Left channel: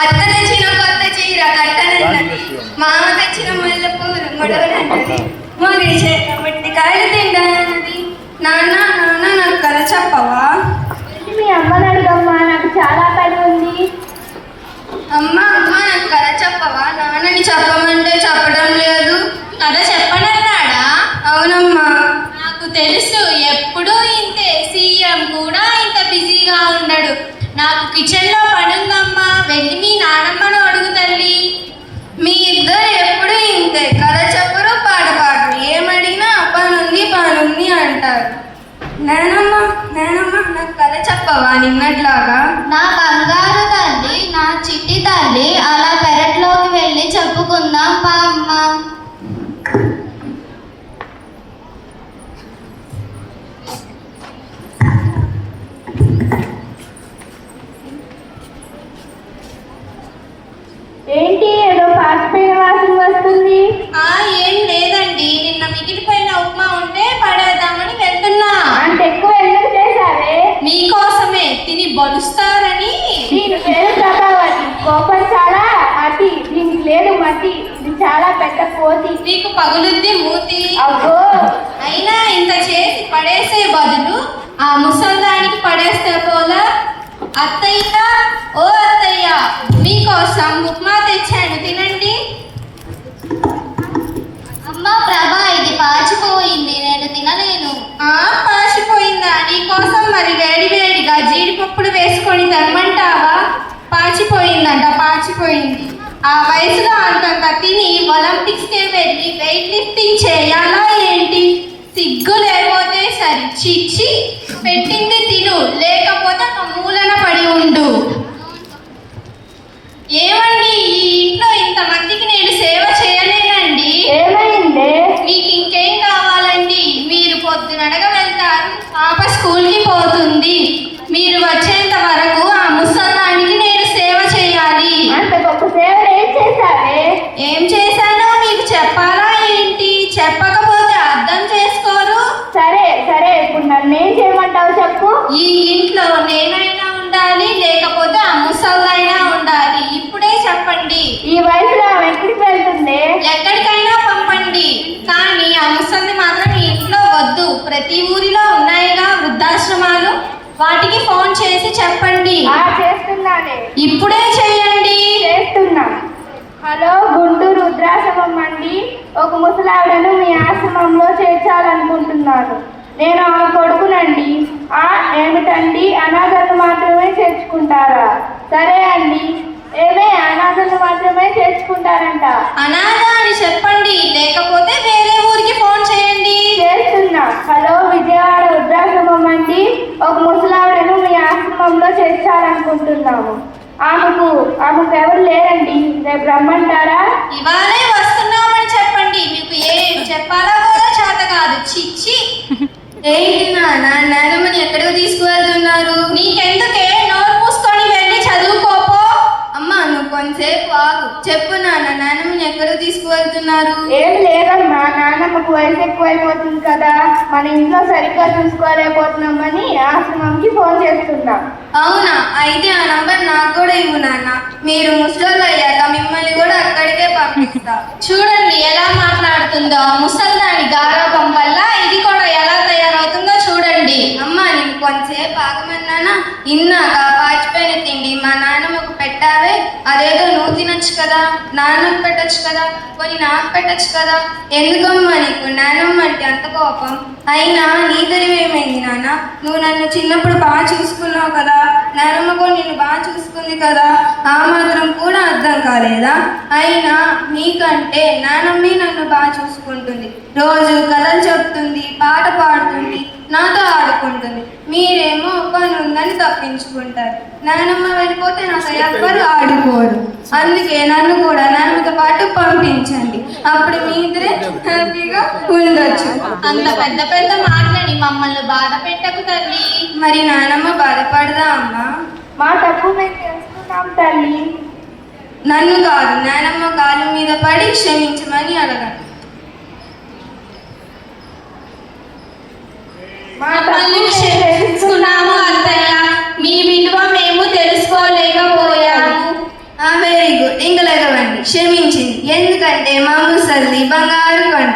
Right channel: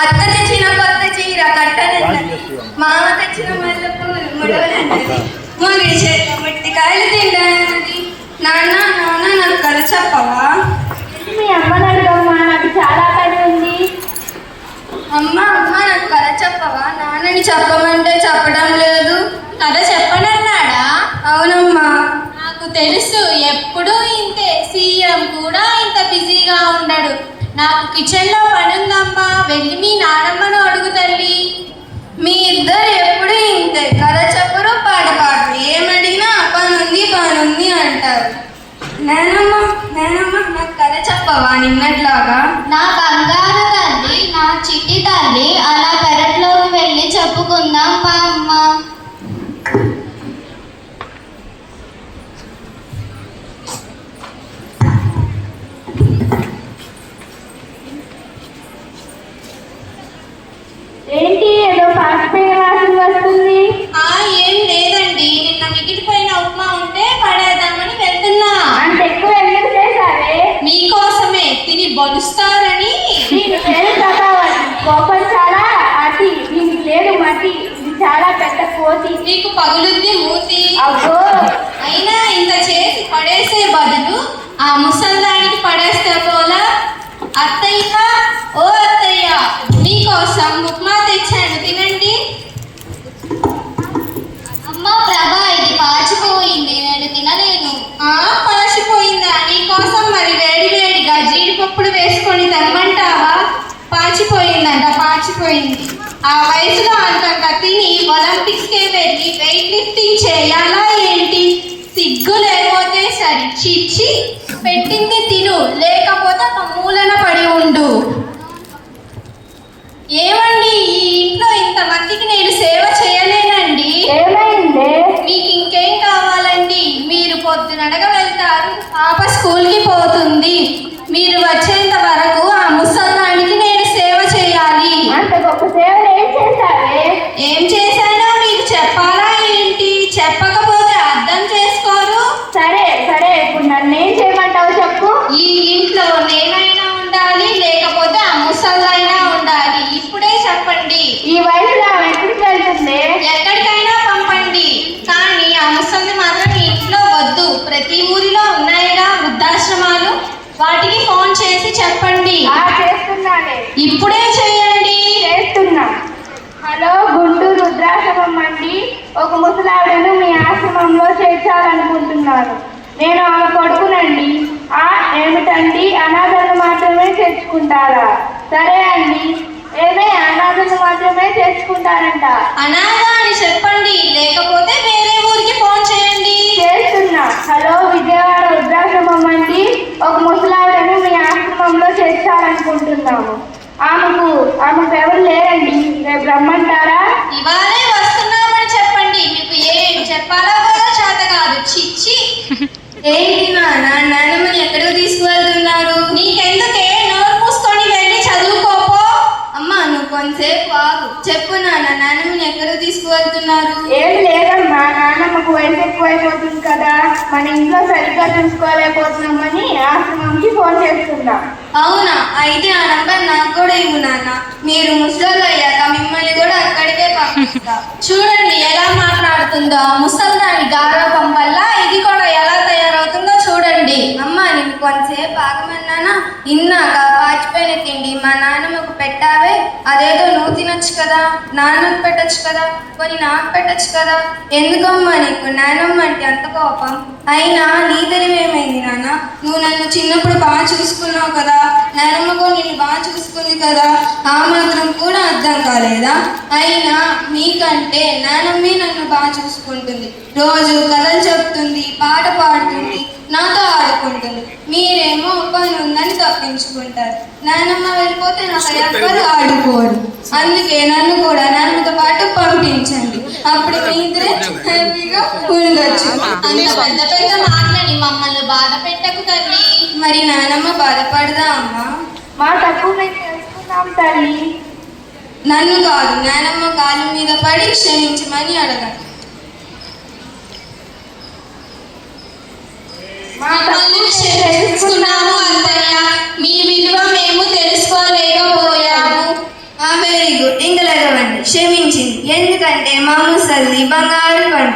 అత్త తెచ్చిన కొత్త చీర కట్టనన్నది, మామ తెచ్చిన ముళ్ళపూరు ముడవలన్నది, ముగిడి చేత మట్టి కాయలు తింటానన్నది. నాన్న నాన్న నాకు కథ చెప్పవా? మీ అమ్మని అడుగమ్మా, నాకు చాలా పని ఉంది. అమ్మ అమ్మ నాకు కథ చెప్పవా? నాన్నని చెప్పమంటే చెప్పడం లేదు. కథ చెప్పనన్నాడా? అవునమ్మా. నాకు తెలుసు, ఎప్పుడూ ఇంతే. సీఎం కూడా ఇంత బిజీగా ఉండడు. నాకు కిచెన్లో పనుందమ్మా, వెళ్ళి మీ నానమ్మను అడుగు తల్లి. మీ ఇద్దరు ఎప్పుడు ఇంతే, కథ చెప్పరు, పాట పాడరు. ఏమడిగినా పనుంది అంటారు. నేనమ్మ నేనమ్మ నాకు కథ చెప్పవా నిన్నట్లాగా? నా బంగారు తల్లి, నా చిట్టి తల్లి, అలా పెరట్లోకి వెళ్ళి చెప్పుకుందాం పా అమ్మ. ఏంటి ఏదో పాసిపోయిన వాసన వస్తుంది? ఏం లేదండి, నిన్న మిగిలిపోయిన ఉప్మా ఉంటే పడేద్దామని వెళ్తున్నా. అంత ఎక్కువ ఎందుకు చేశావే? మీకోసమే, తిని బలుస్తారని. దీని పేరు ప్రభావతి. కోపం చాలా అతి, దీనికి లేదు మతి. ఇది చాలా పెద్ద కోతి. నీకు పగులుద్ది మూతి. అబ్బో, అయినా ఇంత చేసి పడేసే బదులు ఆ ముసల్దానికి పడేస్తే పోలా. అత్తయ్య, ఓ అత్తయ్య, మీకోసం ఉప్మా తెచ్చాను, తినండి. అమ్మా ప్రభా, ఇది పాచిపోయింది, నేను తినలేను. పాచిపోయిందా? నీకోసం మరి వేడిగా జీడిపప్పులు వేసుకొని తెమ్మంటావా? పాచిపోయిందంట, పాచిపోయింది. ఆ వయసులో అంతంత తిని ఒలింపిక్స్కే వెళ్ళి వెయిట్ లిఫ్టింగ్ చేయాలా ఏంటి? సిగ్గు లేకపోతే సరి. చిచ్చి, పెట్టింది తిను, లేకపోతే ఒక మూలన పడి ఉండు. ఏమండి, ఈ ఇంట్లో ఇంతమందికి నేను సేవ చేయలేనండి. ఏమైందే? మీకు ఇంకేం కావాలండి? మీరు పొద్దునడగా వెళ్తారు, పాప స్కూల్కి పోతుంది. మీరు వచ్చేంత వరకు ఆ ముసల్దానికి నేను సేవ చేయాలి. అంత గొప్ప సేవ ఏం చేశావే? ఏం చేశానో మీకు చెప్పాలా ఏంటి? చెప్పకపోతే అర్థం చేసుకోరు. సరే సరే, ఇప్పుడు నన్ను ఏం చేయమంటావు చెప్పు. ఈ ఇంట్లో నేనైనా ఉండాలి, లేకపోతే ఆ ముసలైనా ఉండాలి. ఇప్పుడే చెప్పండి. ఈ వయసులో ఆమె ఎక్కడికి వెళ్తుంది? ఎక్కడికైనా పంపండి, కానీ ఆ ముసలిని మాత్రం ఈ ఇంట్లో వద్దు. ప్రతి ఊరిలో ఉన్నాయిగా వృద్ధాశ్రమాలు, వాటికి ఫోన్ చేసి చెప్పండి. చేస్తున్నానే, ఇప్పుడే చేయండి. చేస్తున్నా. హలో, గుంటూరు వృద్ధాశ్రమం అండి. ఒక ముసలావిడను మీ ఆశ్రమంలో చేర్చాలనుకుంటున్నారు. నేను ఆమె కొడుకునండి. ఏమిటండి, అనాథలను మాత్రమే చేర్చుకుంటారా? సరే అండి. ఏమే, అనాథలను మాత్రమే చేర్చుకుంటారంట. అనాథ అని చెప్పండి, లేకపోతే వేరే ఊరికి ఫోన్ చేయండి. చేస్తున్నా. హలో, విజయవాడ వృద్ధాశ్రమం అండి. ఒక ముసలావిడను మీ ఆశ్రమంలో చేర్చాలనుకుంటున్నాము. ఆమెకు ఎవరు లేరండి, రేపు రమ్మంటారా? ఇవాళే వస్తున్నామని చెప్పండి. మీకు ఏం చెప్పాలో కూడా చేత కాదు. చిచ్చి. ఏంటి నాన్నమ్మని ఎక్కడికి తీసుకువెళ్తున్నారు? నీకెందుకే, నోరు మూసుకొని వెళ్ళి చదువుకోపో. అమ్మ నువ్వు కొంతసేపు ఆగు. చెప్పు నాన్నమ్మని ఎక్కడికి తీసుకువెళ్తున్నారు? ఏం లేదమ్మా, నాన్నమ్మకు వయసు ఎక్కువైపోతుంది కదా, మన ఇంట్లో సరిగ్గా చూసుకోలేకపోతున్నామని ఆశ్రమంకి ఫోన్ చేస్తున్నా. అవునా? అయితే ఆ నంబర్ నాకు కూడా ఇవ్వు నాన్న. మీరు ముసలి అయ్యాక మిమ్మల్ని కూడా అక్కడికే పంపిస్తా. చూడండి ఎలా మాట్లాడుతుందో. ముసల్దాని గారాబం వల్ల ఇది కూడా ఎలా తయారవుతుందో చూడండి. అమ్మ నేను కొంతసేపు ఆగమన్నానా? ఇన్నాక పాచిపోయిన తిండి మా నాన్నమ్మకు పెట్టావే, అదేదో నువ్వు తినొచ్చు కదా, నాన్నకు పెట్టచ్చు కదా, కొన్ని నాకు పెట్టచ్చు కదా. ఎందుకమ్మా నీకు నాన్నమ్మ అంటే అంత కోపం? అయినా నీ తెలివేమైంది నాన్న? నువ్వు నన్ను చిన్నప్పుడు బాగా చూసుకున్నావు కదా, నాన్నమ్మ కూడా నిన్ను బాగా చూసుకుంది కదా, ఆ మాత్రం కూడా అర్థం కాలేదా? అయినా నీకంటే నాన్నమ్మే నన్ను బాగా చూసుకుంటుంది. రోజు కథలు చెప్తుంది, పాట పాడుతుంది, నాతో ఆడుకుంటుంది. మీరేమో పని ఉందని తప్పించుకుంటారు. నాన్నమ్మ వెళ్ళిపోతే నాకు ఎవ్వరు ఆడుకోరు. అందుకే నన్ను కూడా నాన్నతో పాటు పంపించండి. అప్పుడు మీ ఇద్దరే హ్యాపీగా ఉండొచ్చు. అంత పెద్ద పెద్ద మాటలని మమ్మల్ని బాధ పెట్టకు తల్లి. మరి నాన్నమ్మ బాధపడదా అమ్మా? మా తప్పు మేము తెలుసుకున్నాం తల్లి. నన్ను కాదు, నానమ్మ కాలు మీద పడి క్షమించమని అడగండి. మమ్మల్ని క్షమించుకున్నాము అత్తయ్య, మీ విలువ మేము తెలుసుకోలేకపోయాము. వెరీ గుడ్, ఇంక లేవండి. క్షమించింది ఎందుకంటే మా ముసల్ది బంగారు కొండ.